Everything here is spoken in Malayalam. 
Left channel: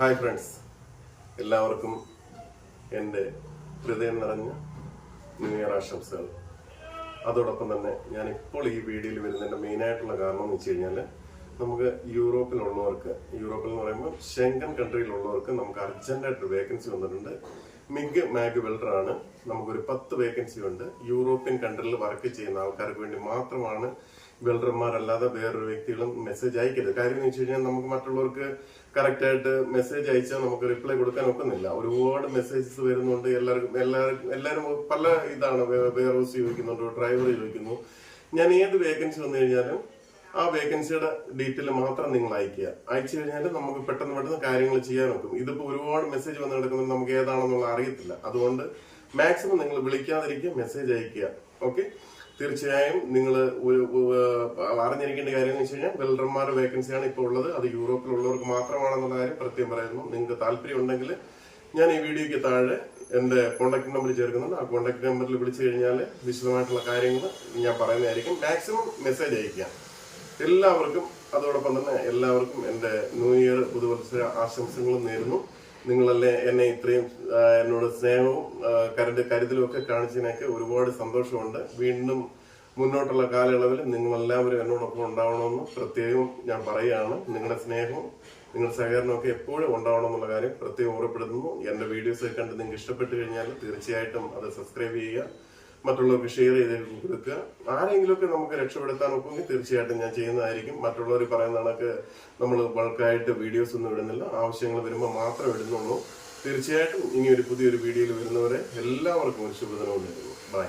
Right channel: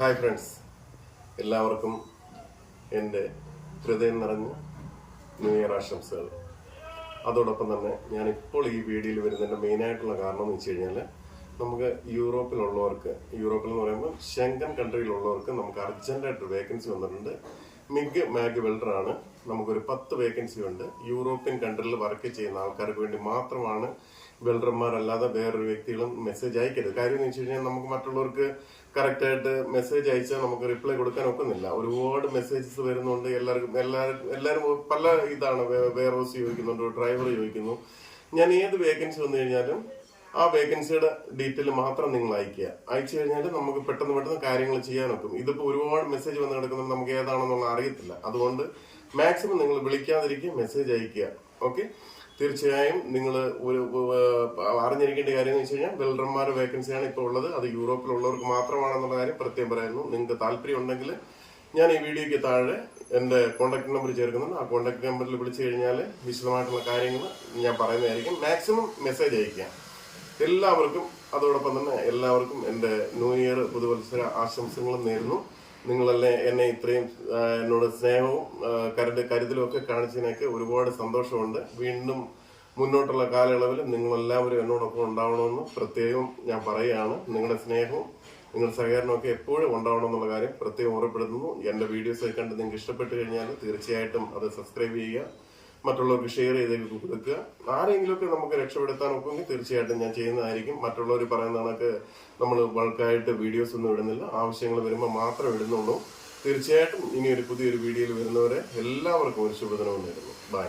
ഹായ് ഫ്രണ്ട്സ്, എല്ലാവർക്കും എൻ്റെ ഹൃദയം നിറഞ്ഞ ന്യൂ ഇയർ ആശംസകൾ. അതോടൊപ്പം തന്നെ ഞാനിപ്പോൾ ഈ വീഡിയോയിൽ വരുന്നതിൻ്റെ മെയിനായിട്ടുള്ള കാരണം എന്ന് വെച്ച് കഴിഞ്ഞാൽ നമുക്ക് യൂറോപ്പിൽ എന്ന് പറയുമ്പോൾ ഷെങ്കൻ കൺട്രിയിലുള്ളവർക്ക് നമുക്ക് അർജൻറ്റായിട്ട് വേക്കൻസി വന്നിട്ടുണ്ട്. മിഗ് മാഗ് വെൽഡറാണ്. നമുക്കൊരു 10 വേക്കൻസി ഉണ്ട്. യൂറോപ്യൻ കൺട്രിയിൽ വർക്ക് ചെയ്യുന്ന ആൾക്കാർക്ക് വേണ്ടി മാത്രമാണ്. വെൽഡർമാരല്ലാതെ വേറൊരു വ്യക്തികളും മെസ്സേജ് അയക്കരുത്. കാര്യം എന്ന് വെച്ച് കഴിഞ്ഞാൽ നമുക്ക് മറ്റുള്ളവർക്ക് കറക്റ്റായിട്ട് മെസ്സേജ് അയച്ചാൽ നമുക്ക് റിപ്ലൈ കൊടുക്കാൻ ഒക്കുന്നില്ല. ഒരുപാട് മെസ്സേജസ് വരുന്നുണ്ട്. എല്ലാവരും പല ഇതാണ്. വെയർ ഹൗസ് ചോദിക്കുന്നുണ്ട്, ഡ്രൈവർ ചോദിക്കുന്നു. ഞാൻ ഏത് വേക്കൻസി വന്നു കഴിഞ്ഞാലും ആ വേക്കൻസിയുടെ ഡീറ്റെയിൽ മാത്രം നിങ്ങൾ അയച്ചു കഴിഞ്ഞാൽ നമുക്ക് പെട്ടെന്ന് കാര്യങ്ങൾ ചെയ്യാൻ നോക്കും. ഇതിപ്പോ ഒരുപാട് മെസ്സേജ് വന്ന് കിടക്കുന്നത് നമുക്ക് ഏതാണെന്നുള്ള അറിയത്തില്ല. അതുകൊണ്ട് മാക്സിമം നിങ്ങൾ വിളിക്കാതിരിക്കുക, മെസ്സേജ് അയക്കുക. ഓക്കെ, തീർച്ചയായും നിങ്ങൾ അറിഞ്ഞിരിക്കേണ്ട കാര്യം എന്ന് വെച്ച് കഴിഞ്ഞാൽ വെൽഡർമാർ വേക്കൻസിയാണ് ഇപ്പോൾ ഉള്ളത്. അത് യൂറോപ്പിലുള്ളവർക്ക് മാത്രമാണെന്നുള്ള കാര്യം പ്രത്യേകം പറയുന്നു. നിങ്ങൾക്ക് താല്പര്യം ഉണ്ടെങ്കിൽ ഞാൻ ഈ വീഡിയോയ്ക്ക് താഴെ എൻ്റെ കോൺടാക്ട് നമ്പർ ചേർക്കുന്നുണ്ട്. ആ കോൺടാക്ട് നമ്പറിൽ വിളിച്ചു കഴിഞ്ഞാൽ വിശദമായിട്ടുള്ള കാര്യങ്ങൾ ഞാൻ പറയുന്നതായിരിക്കും. മാക്സിമം മെസ്സേജ് അയക്കാം എല്ലാവർക്കും. അതോടൊപ്പം തന്നെ എല്ലാവർക്കും എൻ്റെ ന്യൂ ഇയർ പുതുവത്സര ആശംസകളും നേരുന്നു. നിങ്ങളല്ലേ എന്നെ ഇത്രയും എന്നോട് സ്നേഹവും കരുതലും ഒക്കെ കാണിച്ചതിനൊക്കെ ഒരുപാട് സന്തോഷമുണ്ട്. വീണ്ടും മുന്നോട്ടുള്ള കാലയളവിൽ നിങ്ങളെല്ലാവരും എന്നോടൊപ്പം ഉണ്ടാവണമെന്ന് പ്രത്യേകം ഞാൻ പറയുകയാണ്. നിങ്ങളുടെ സ്നേഹവും നിങ്ങളുടെ സഹകരണമൊക്കെ എപ്പോഴും ഉണ്ടാവണം എന്നുള്ള കാര്യം പ്രത്യേകം ഓർമ്മപ്പെടുത്തുന്നു. എൻ്റെ വീഡിയോസ് കണ്ട് നിങ്ങൾക്ക് ഇഷ്ടപ്പെട്ട് കഴിഞ്ഞാൽ തീർച്ചയായിട്ടും അത് സബ്സ്ക്രൈബ് ചെയ്യുക, മറ്റുള്ളവർക്ക് ഷെയർ ചെയ്ത് കൊടുക്കുക. ആരെങ്കിലുമൊക്കെ നമുക്ക് രക്ഷപ്പെടുത്താൻ ഒക്കെങ്കിൽ തീർച്ചയായിട്ടും ഞാൻ ചെയ്യുന്നതായിരിക്കും. മറ്റുള്ളവർ പറയുന്ന കണക്ക് നമ്മൾ ബൾക്കായിട്ട് വീഡിയോസ് ഒന്നും ഇടുന്നില്ല. ആവശ്യങ്ങൾ വരുമ്പോൾ മാത്രം ഇടുന്നുള്ളൂ. തീർച്ചയായിട്ടും ഇനി പുതിയൊരു വീഡിയോയിൽ വരുന്നവരെ എല്ലാവർക്കും ഒരു ശുഭദിനം നേരുന്നു. ബൈ.